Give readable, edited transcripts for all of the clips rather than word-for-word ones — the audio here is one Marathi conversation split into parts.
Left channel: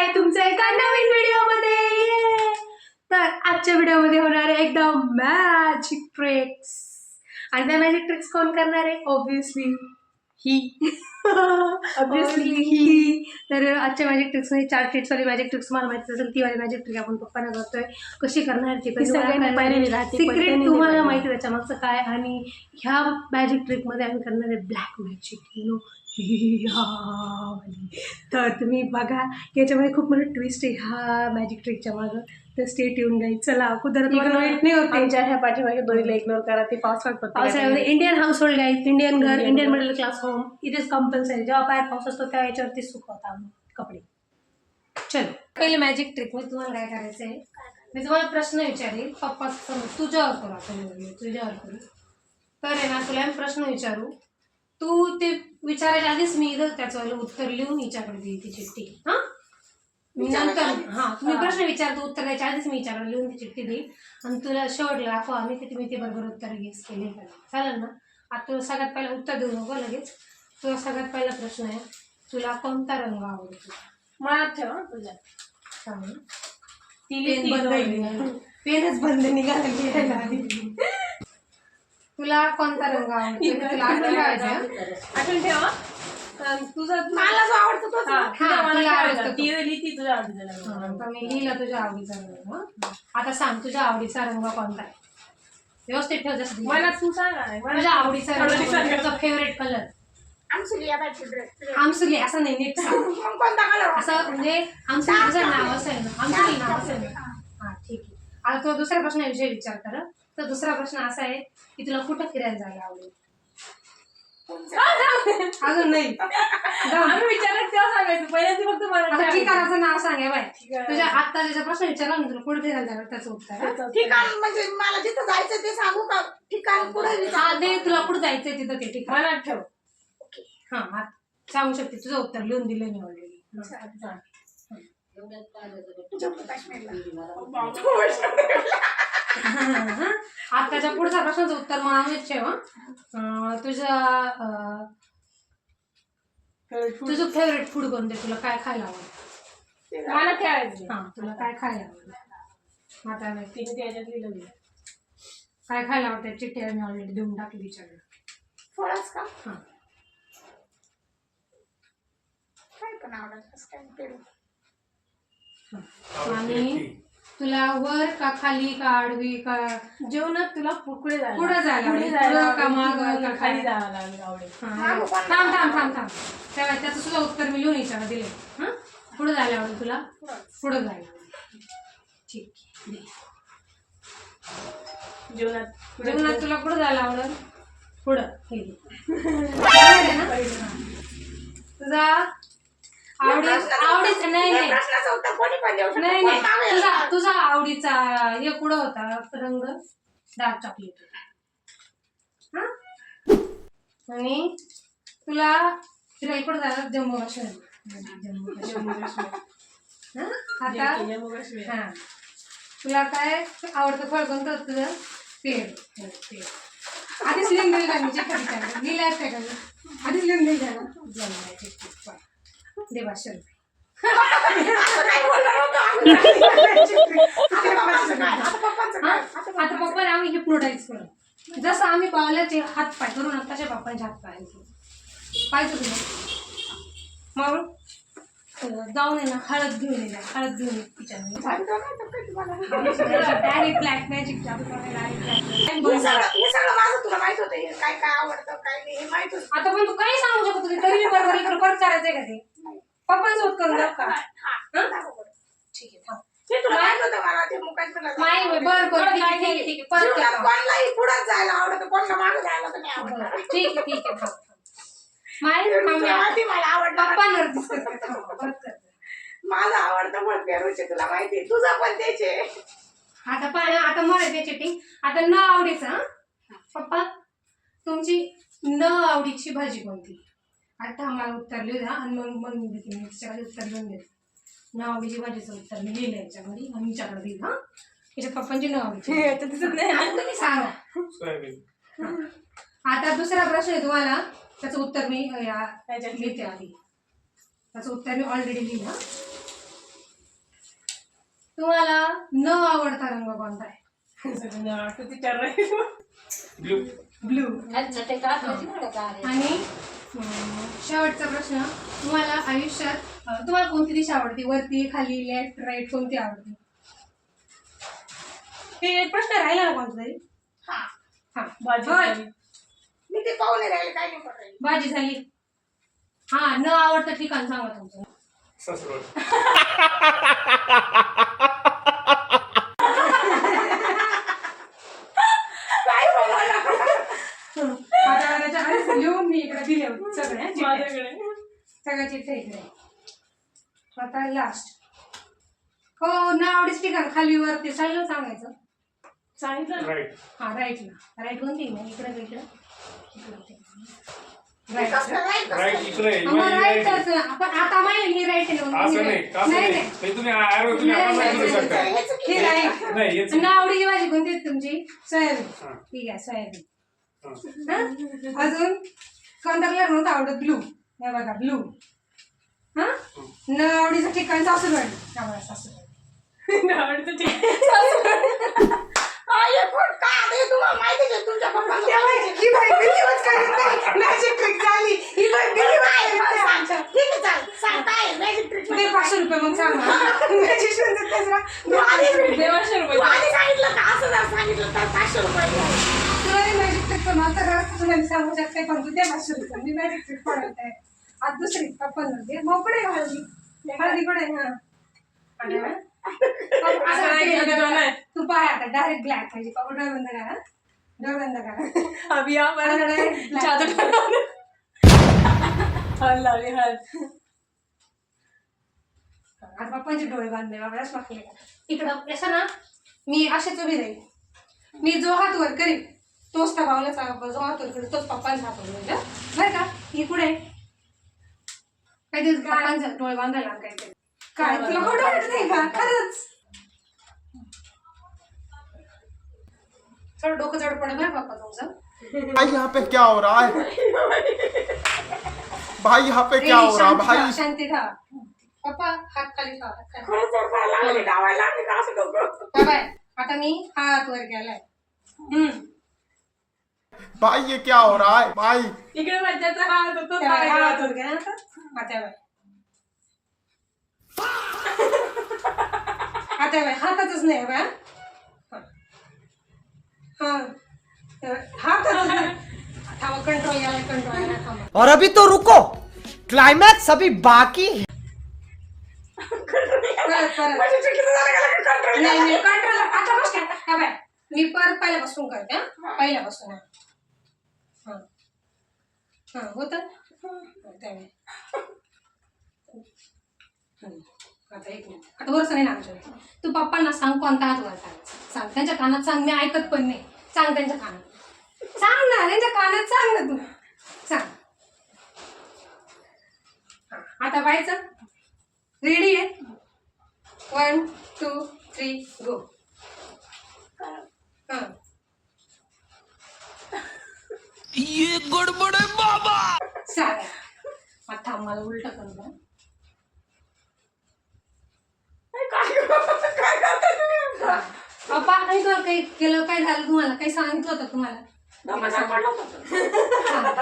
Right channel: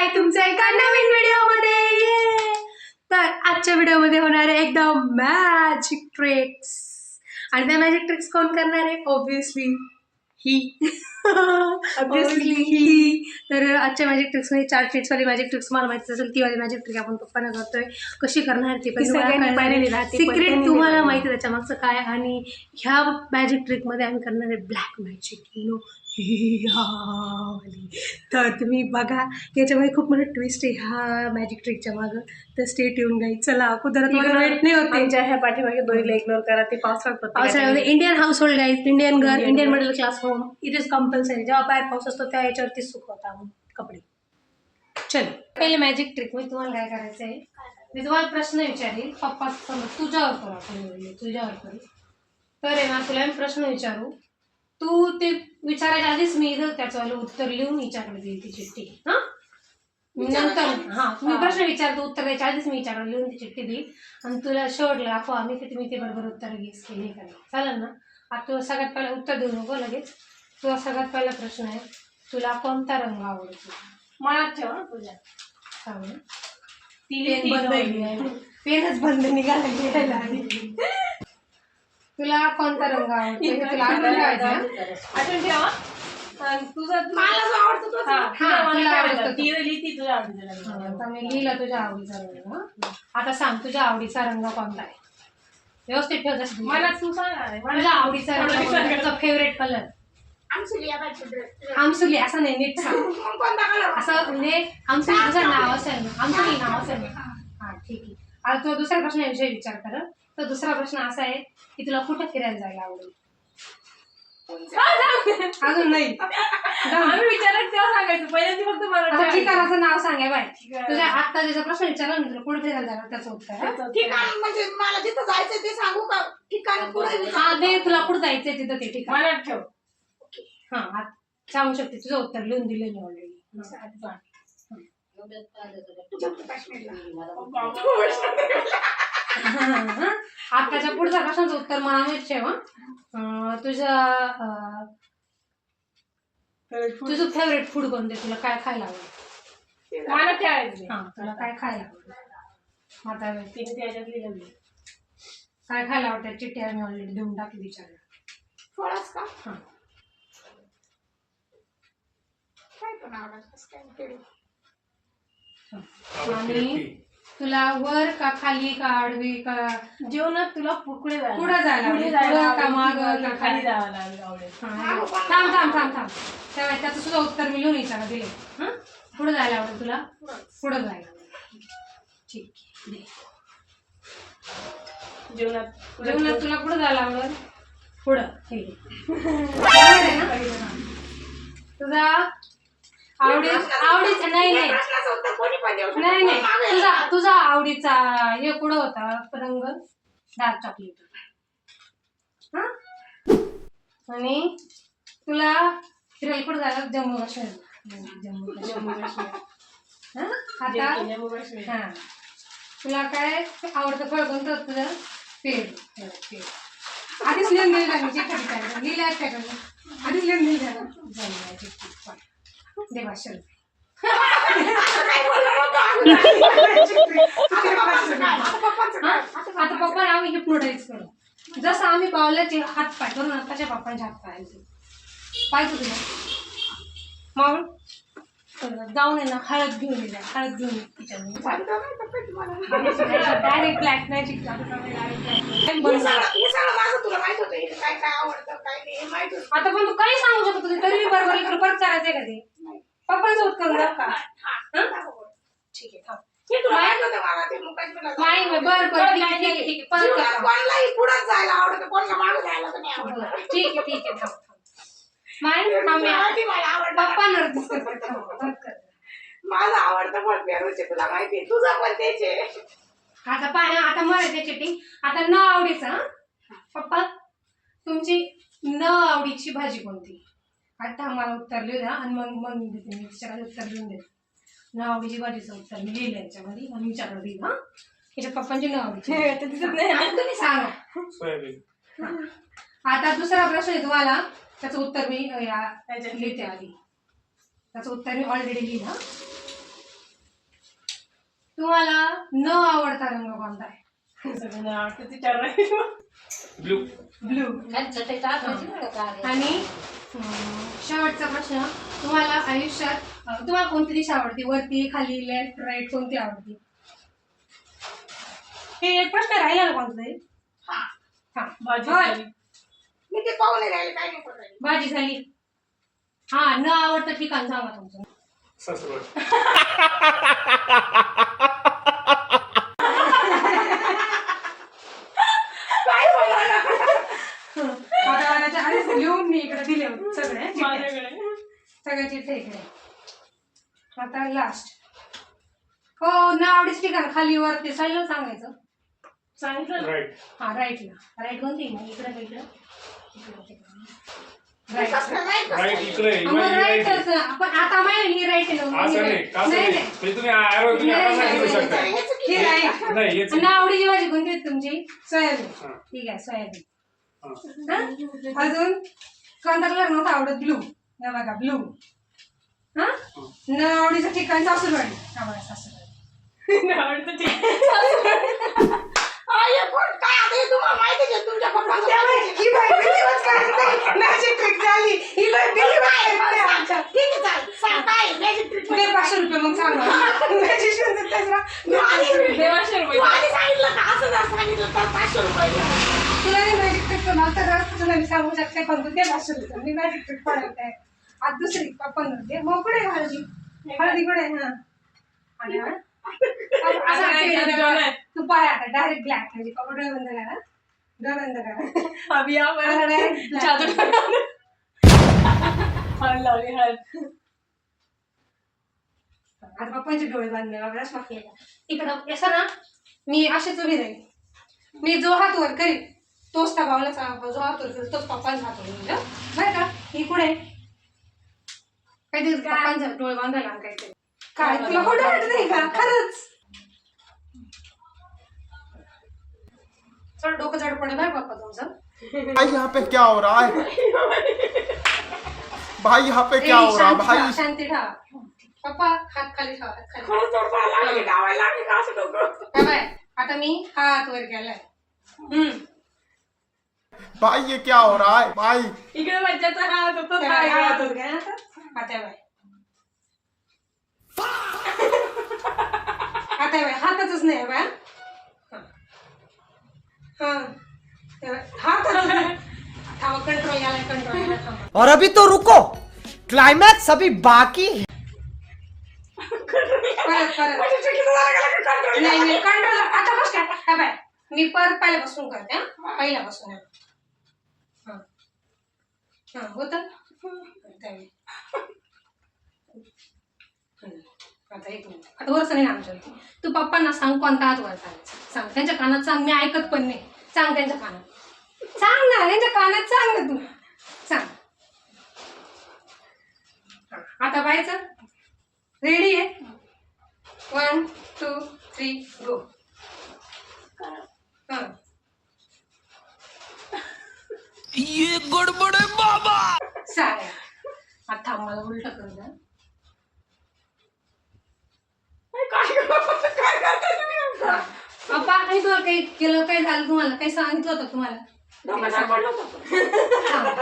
आहे तुमच्या एका नवीन व्हिडिओमध्ये. तर आजच्या व्हिडिओमध्ये होणार आहे एकदम मॅजिक ट्रिक्स. आणि त्या मॅजिक ट्रिक्स कोण करणार आहे? ऑब्विसली ही. ऑब्विसली ही. तर आजच्या मॅजिक ट्रिक्स मध्ये 4 ट्रिक्स वाली मॅजिक ट्रिक्स मला माहिती असेल, ती वाली मॅजिक ट्रिक आपण पप्पांना करतोय. कशी करणार ती पण सिक्रेट तुम्हाला माहिती त्याच्या मागचं काय. आणि ह्या मॅजिक ट्रिक मध्ये आम्ही करणार आहे ब्लॅक मॅजिक, यू नो. तर तुम्ही बघा, याच्यामध्ये खूप मोठं ट्विस्ट आहे ह्या मॅजिक ट्रिकच्या मागं. तर स्टे ट्यून गाईज. चला कुदरत वेट नाही होते. आमच्या ह्या पाठीमागे दोरीला इग्नोर करा, ते पावसाळ्यामध्ये Indian household guys, Indian घर, Indian middle class home, it is compulsory. जेव्हा बाहेर पाऊस असतो त्या याच्यावरती सुकवता कपडे. चलो पहिले मॅजिक ट्रिक मध्ये तुम्हाला काय करायचं आहे, मी तुम्हाला प्रश्न विचारेल. पप्पा तुझ्यावर करू, आपण तुझ्यावर करू. तर आहे ना, तुला मी प्रश्न विचारू, तू ते विचारायच्या आधीच मी त्याचं उत्तर लिहून हिच्याकडे देईल ती चिठ्ठी. हा नंतर मी प्रश्न विचारतो, उत्तर द्यायच्या आधीच मी हिच्याकडे लिहून ती चिठ्ठी देईल. आणि तुला शेवटला दाखवा आम्ही किती मी ते बरोबर उत्तर गेस केले का नाही. चालेल ना? आता तुला सगळ्यात पहिला उत्तर देऊ नको लगेच. तुला सगळ्यात पहिला प्रश्न आहे, तुला कोणता रंग आवडतो? मनात ठेव तुझ्या. पेनच बंद निघाला. तुला कोणता रंग आवडतो तुला आठवण ठेवा. तुझा मला जो आवडतो तो मला आवडतो. ती लिहिती तुझ्या आवडीचा. मी लिहिलं तुझ्या आवडीचा रंग. आता सांग तुझ्या आवडीचा रंग कोणता आहे? व्यवस्थित ठेव. जसं मला तू सांग तुझ्या आवडीचा रंग, तुझा फेवरेट कलर. आमसुली असं नाही, नीट सांग. असं म्हणजे आमसुली तुझं नाव असेल ना, आमसुली नाव असेल ना. हा ठीक आहे. आता तुला दुसऱ्या प्रश्नाविषयी विचार कर. तर दुसरा प्रश्न असा आहे की तुला कुठं फिरायला जायला आवडेल? अजून नाही, आम्ही विचारत तेव्हा सांगायचं. पहिल्यांदा फक्त मला ठिकाणाचं नाव सांगाय बाय. तुझ्या आता ज्याचा प्रश्न विचारला ना, तुला कुठे फिरायला जाणार त्याचं उत्तर. ठिकाण म्हणजे मला जिथं जायचं ते सांगू का? ठिकाण कुठे तुला कुठं जायचंय तिथं ते ठिकाण मनात ठेव. हा सांगू शकते. तुझं उत्तर लिहून दिलं मी ऑलरेडी. आताच्या पुढच्या प्रश्नाचं उत्तर मला माहित ठेव. तुझं फेवरेट फूड कोणते? तुला काय खायला आवडतं? मला ठेवायचं. हा तुला काय खायला आवडतं? आता तिने त्याच्यात लिहिलं मी काय खायला आवडतं. चिठ्ठी आम्ही ऑलरेडी देऊन टाकली विचारलं. फळच का? हा काय पण आवडत काय? आणि तुला वर का खाली का आडवी का जेवणात तुला पुढे पुढे जायला का माग का खाली जायला आवडेल. थांब त्याचं सुद्धा उत्तर मी लिहून विचारा दिले. हा पुढे जायला आवडेल तुला? पुढे जायला आवडेल. ठीक आहे. जेवणात तुला पुढे जायला आवडेल? पुढं. तुझा आवडीचा नाही तुझा आवडीचा हे पुढं होता रंग डार्क चॉकलेट. हा आणि तुला फिरायला कुठं जायला? जम्मू काश्मीर. हा तुला काय आवडतं फळ कोणतं? तुझं पेड. आधीच लिहून दिलं मी चिठ्ठी लिहिलाय का? आधीच लिहून दिलं ना. जम्मू दे 500 रुपये. आता पप्पा आम्ही हिप्नोटाईज करू. जसं आम्ही पावल्याचे हात पाय करू ना, तशा पप्पांचे हात पाय पाहिजे तुला. मावळ जाऊन ये ना, हळद घेऊन ये. हळद घेऊन ये तिच्यामध्ये. Direct black magic. आता पण तू काही सांगू शकत होती तरी मी बरोबर इकडे परत करायचंय का? ते पप्पांचं होत करून जाऊ का? ठीक आहे थांब. नाही बरं ठीक आहे थांब. माझं आवडतं पण पेरूचे तुला माहिती. तुझं पण त्याचे. आता मला ते चिटिंग. आता न आवडीचं. पप्पा तुमची न आवडीची भाजी कोणती? आता मला उत्तर लिहू द्या आणि मग मी देते. मी तिच्याकडे उत्तर लिहून देते. न आवडीची भाजीचं उत्तर मी लिहिलं याच्यामध्ये आणि विचारलं दिलं. हा त्याच्या पप्पांची न आवडीची दिसत नाही. तुम्ही सांगा. आता दुसरा प्रश्न आहे तुम्हाला. त्याचं उत्तर मी लिहिते आधी. त्याचं उत्तर मी ऑलरेडी लिहिलं. तुम्हाला न आवडता रंग कोणता आहे? सगळ्यांना आवडतं ते 4 रंग. ब्लू. ब्लू. आणि शेवटचा प्रश्न, तुम्हाला आयुष्यात तुम्हाला कोणती दिशा आवडते? वरती, खाली, लेफ्ट, राईट, कोणती आवडते? हे एक प्रश्न राहिला ना कोणता तरी? हा हा भाजी होय. खाली. मी ते पाहून नाही राहिले, काही नाही पण राहिले. भाजी झाली. हा, न आवडतं ठिकाण सांगा तुमचं. सासरवाडी. काय बोलायला? माझ्या आल्याच्या आधीच लिहून मी इकडे दिले होते सगळे चिठ्ठ्या. माझ्याकडे सगळ्या चिठ्ठ्या इकडे. आता लास्ट. हो, न आवडीच ठिकाण खाली वरती सगळं सांगायचं. सांगितलं ना. राईट. हा, राईटला. राईट कोणती मग? इकडे का इकडे? इकडे. ते राईट. कसलं नाही, कसलं राईट नाही. इकडे आहे. मग राईट राईटच ना. आपण आता माहिती ही राईट आहे ना. असं नाही का असं नाही म्हणजे तुम्ही arrow तुम्ही नाही, आता नाही, सांगितलं नाही, शकता. हे चुकीचं हे आहे. राईट. नाही हेच न आवडीची भाजी कोणती आहे तुमची? सोयाबीन. हा. ठीक आहे, सोयाबीन. हा. हा? अजून कोणता कलर नव्हता आवडत? ब्लू. हे बघा ब्लू. हा, न आवडीचं ठिकाण सासूरवाडी. हा बघा, सासूरवाडी. आवडतं ते. हा, हे कोण काय आता हे तुम्हाला माहितीच आहे, तुमच्या पप्पाचं माहितीच आहे. ही बाई बिलीवच करत नाही. मॅजिक ट्रिक झाली. ही बाई बिलीवच काय? करत नाही. सांग, सांग. ठीक आहे, चालेल. सांग, काय आहे? Magic trick दे 500 रुपये मग सांग मला. मॅजिक ट्रिक त्याचा. तू आधी- देवाशे रुपये. तू आधी सांगितलं का असं जर सांगितलं तर 500 रुपये द्या. तुला नाही मॅजिक ट्रिकचं नाव तर तुझं नाही सांगू शकते, पण तू दे 500 रुपये. मी मॅजिक ट्रिक पडवते आहे. आज दुसरी पप्पा दे. मग कुठे आहे हळदी? हळदी कुठे आहे? हा. आणि हा? असं नाही केलं केलं तर नाही. तू पाय आता डायरेक्ट ब्लॅक म्हणजे पप्पा डोळे बंद करा. डोळे बंद करा. अभी आम्हाला आता direct black. जादू हळद लावली हळद. आता पप्पांचे डोळे बांधले बाबा मागले का इकडं असं ना. मी असेच उभी राहील. मी जो हात वर करील तोच त्या भावला जो हात वर करेल तोच पप्पांचा हात वर म्हणजे बरं का. ही कुठे आहे? काहीतरी पप्पांचा डोळे बांधायला आणि काहीतरी. काय तुला खोटं वाटत नाही का? खरंच थोडं डोकं जड पडत आहे पप्पा तुमचं. भाई यहाँ पे क्या हो रहा है? भाई यहाँ पे क्या हो रहा है भाई? शांती ठेवा पप्पा. हात खाली ठेवा. हात खाली. खरंच जर मला लागले, गावायला लागले का असं डोकं? काय बाय, आता मी हा हात वर केलाय. भाई ये क्या हो रहा है भाई? इकडे मज्जाचा हात होतो त्या बाय, हा हा हात हात वर केला आता. हा त्या बाय. हा त्या बाय हातातच नाही बाय. हातातच नाही. थांबा, कंट्रोल यायला कंट्रोल यायला थांबा. और अभी तो रुको, क्लाइमैक्स अभी बाकी है. परत परत. म्हणजे चुकीचं झालं का लगेच control नाही नाही कंट्रोल आता बस काय. हा बाय मी परत पहिल्यापासून करते. हा पहिल्यापासून. हा हा होत आता एक मिनिट. आता वरच नाही आमच्या. तू पप्पांना सांग कोणता हात वर करायचा. सांग त्यांच्या कानात सांग. मी ऐकत पण नाही. सांग त्यांच्या कानात. सांग ना त्यांच्या कानात सांग ना तू. सांग. आता व्हायचं. रेडी आहे? 1 2 3 गो. ये गड़बड़ है बाबा. सांग. आता मला उलट करू द्या. काय करताय तुम्ही? पप्पा आणि तुला काही केलं काय झालं तुम्हाला काही सांगितलं होतं तुम्हाला? डोक्यात पडलं होतं. हा.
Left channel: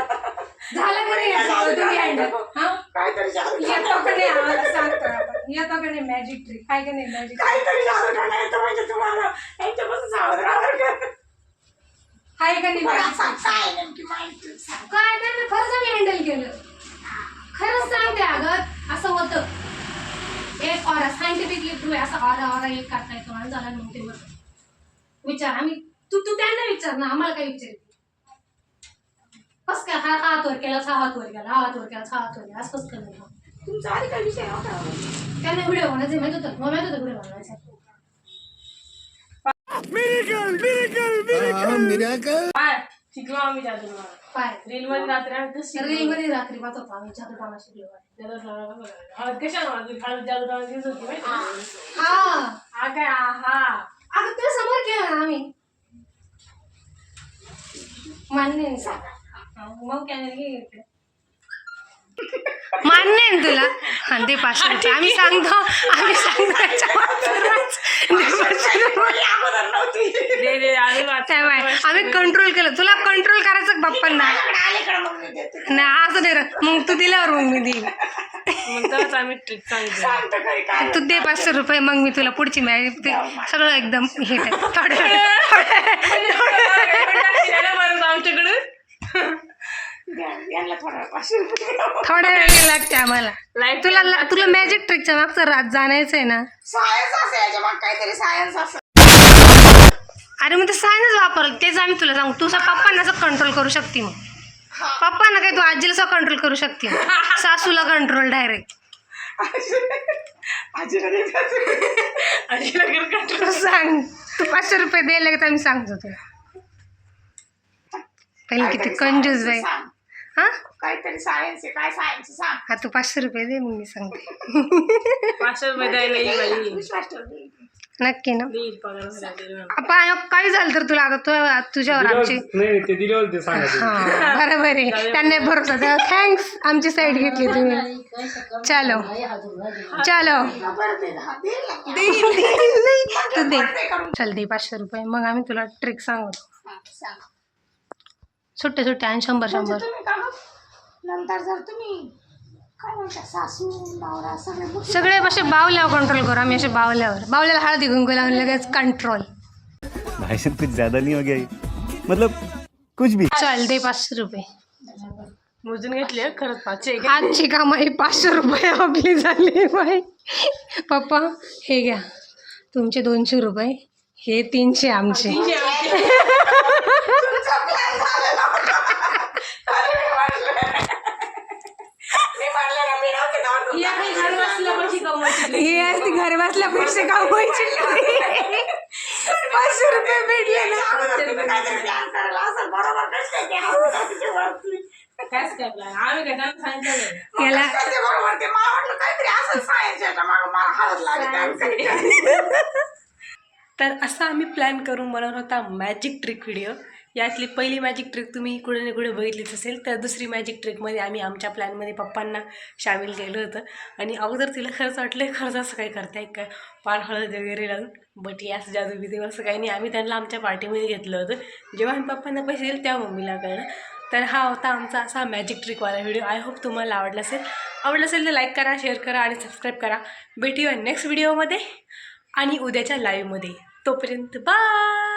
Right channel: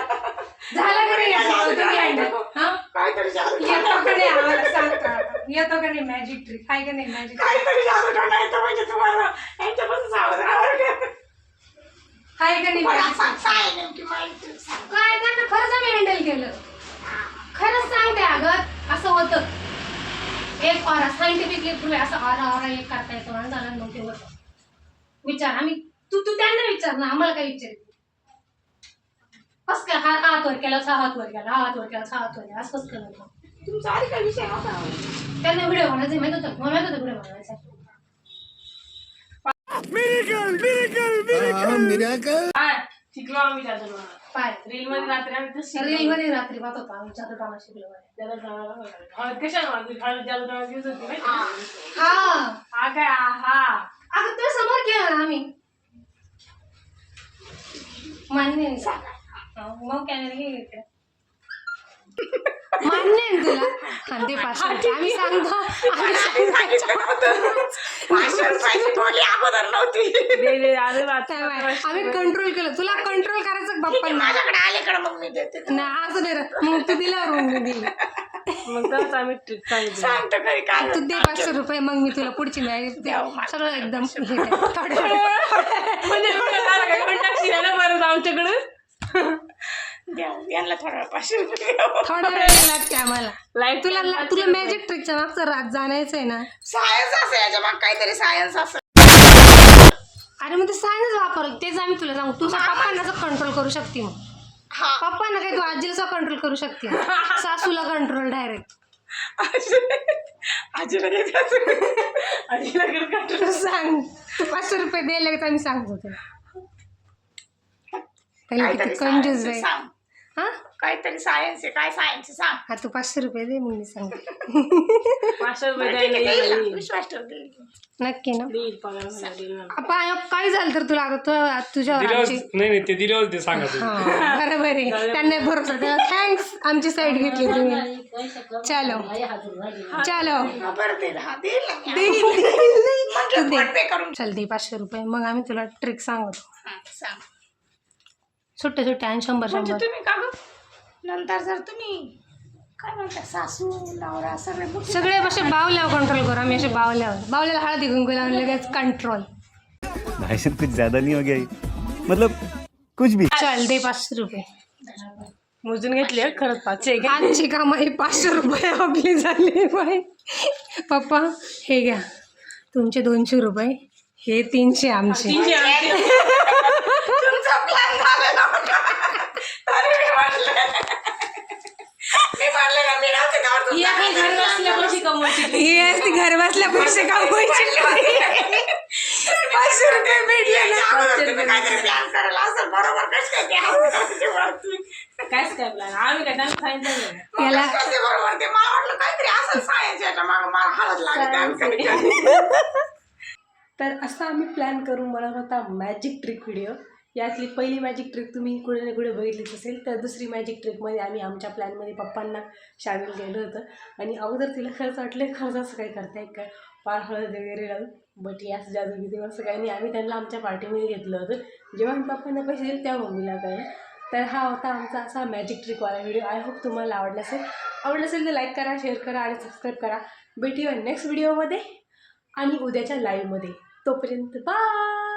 झालं का नाही याचं? तुम्ही handle. हा काहीतरी जादू येतो का नाही आम्हाला सांगतो आपण. येतो का नाही मॅजिक ट्रिक? आहे का नाही मॅजिक? काहीतरी जादू टोना येतो म्हणजे तुम्हाला यांच्यापासून सावध राहावं लागेल. आहे का नाही मला magic सांग, trick? काय नेमकी माहिती सांग. काय त्यांना खरंच आम्ही हँडल केलं. खरंच सांगते अगं असं होतं. एक ऑरा सायंटिफिकली प्रूव्ह असं ऑरा एक करता येतो आणि झालं मग ते होतं. विचार आम्ही तू तू त्यांना विचार ना. आम्हाला काय विचार कस काय. हा हात वर केला हा हात वर गेला. हा हात वर केला हा हात वर गेला. असं कसं केलं. तुमचा आधी काही विषय नव्हता. त्यांना व्हिडिओ बनायचं माहित होतं. मला माहित होतं व्हिडिओ बनवायचा. काय शिकलो आम्ही जादू टोना. पाय रील मध्ये रात्री आम्ही तसं शिकलो. रील मध्ये रात्री पाहत होतो आम्ही जादू टोना शिकलो. त्याला सांगायला बघा. हळद कशाला मारली? हळद जादू टोना दिवस होती माहिती आहे? हा हा काय हा अगं तुला समोर केलं ना आम्ही. मान्य आहे ना. मग कॅमेरा घे इकडे. मान्य आहे ना तुला? हा दे 500 रुपये. आम्ही सांगतो बोली अगोदर नव्हती. दे आधी वाच. त्यामुळे आम्ही कंट्रोल केलं. तुला कंट्रोल करायचं बाप्पांना. माझ्याकडे आल्याकडे मग मी देते. नाही असं नाही रे. मग तू दिल्यावर मग मी देईन. मग तरच आम्ही ट्रिक सांगितलं. सांगतो घरी काय तू दे 500 रुपये, मग मी तुला पुढची मॅरेज ते सगळं एकदम हे काय आमच्याकडे यांना थोडा 500 रुपये द्यावं. थोड्या वेळ लागते आम्हाला. लाईट तुला मॅजिक ट्रिकच्या मागचं रात जाणायचं आहे ना. सायन्स असं याच्या मग काहीतरी सायन्स असं. अरे मग ते सायन्स वापरलं तेच आम्ही तुला सांगू. तुझ्या पप्पांना असं कंट्रोल करू शकते. मग हा पप्पांना काय तू आजीला असं कंट्रोल करू शकते. सासूला कंट्रोल डायरेक्ट. आजीला द्यायचं. आजीला तू सांग. तू 500 रुपये द्यायला का आम्ही सांगतो तुला. पहिले किती कंजूस बाई. सांग. हा काहीतरी सायन्स आहे. काय सायन्स सांग. हा तू 500 रुपये दे मग मी सांगते. 500 रुपये द्यायला येईल बाई. विश्वास ठेव देईल. नक्की ना. देईल पगार झाला देईल मला. आपण काही झालं तर तुला आता तुझ्यावर आमची नाही ते दिल्यावर ते सांगायचं. हा बरोबर आहे. त्यांना भरोसा द्या. थँक्स आमची साईड घेतली तुम्ही. चलो चलो बरं दे. हा देईल ना. तू दे. पे करून चल दे 500 रुपये. मग आम्ही तुला ट्रिक सांगतो. सांग. सुट्टे सुट्टे आणि 100 म्हणजे 100. तुम्ही का गं? नंतर जर तुम्ही काय म्हणता सासू नवरा सगळे सगळे असे बावल्यावर कंट्रोल करू आम्ही. असे बावल्याला हळदी कुंकू लावून लगेच कंट्रोल. भाई साहब कुछ ज्यादा नहीं हो गया ये? मतलब कुछ भी. चल दे 500 रुपये. मोजून घेतली हं, खरंच 500 आहे का? आजची कामाई 500 रुपये आपली झाली बाई. पप्पा हे घ्या तुमचे 200 रुपये. हे 300 आमचे. तुमचा प्लॅन झालेला होता. अरे मी म्हणलं ना मी नव्हते तेव्हा तुमचा या काही घर बसल्या पैसे कमवायचे. ही असती घर बसल्या पैसे कमवायचे. 500 रुपये भेटले ना. अगोदर तुम्ही काहीतरी प्लॅन करायला असेल बरोबर कसं काय ते हसण्याची वरती. कायच काय प्लॅन आम्ही काय त्यांना सांगितलं नाही. मग याला- कसं काय ते बरोबर ते मला वाटलं काहीतरी असं सायन्स याच्या मागं मला हळद लागते आम्ही काही तर असा आम्ही प्लॅन करून बनवला होता मॅजिक ट्रिक व्हिडिओ. यातली पहिली मॅजिक ट्रिक तुम्ही कुठे ना कुठे बघितलीच असेल. तर दुसरी मॅजिक ट्रिकमध्ये आम्ही आमच्या प्लॅनमध्ये पप्पांना सामील केलं होतं. आणि अगोदर तिला खरंच वाटलं खरंच असं काही करताय काय पार हळद वगैरे लावून. बट यास जादू बिदू असं काही नाही. आम्ही त्यांना आमच्या पार्टीमध्ये घेतलं होतं. जेव्हा आम्ही पप्पांना पैसे दिले तेव्हा मम्मीला कळलं. तर हा होता आमचा असा मॅजिक ट्रिकवाला व्हिडिओ. आय होप तुम्हाला आवडला असेल तर लाईक करा, शेअर करा आणि सबस्क्राईब करा. भेटूया नेक्स्ट व्हिडिओमध्ये आणि उद्याच्या लाईव्हमध्ये. तोपर्यंत बाय.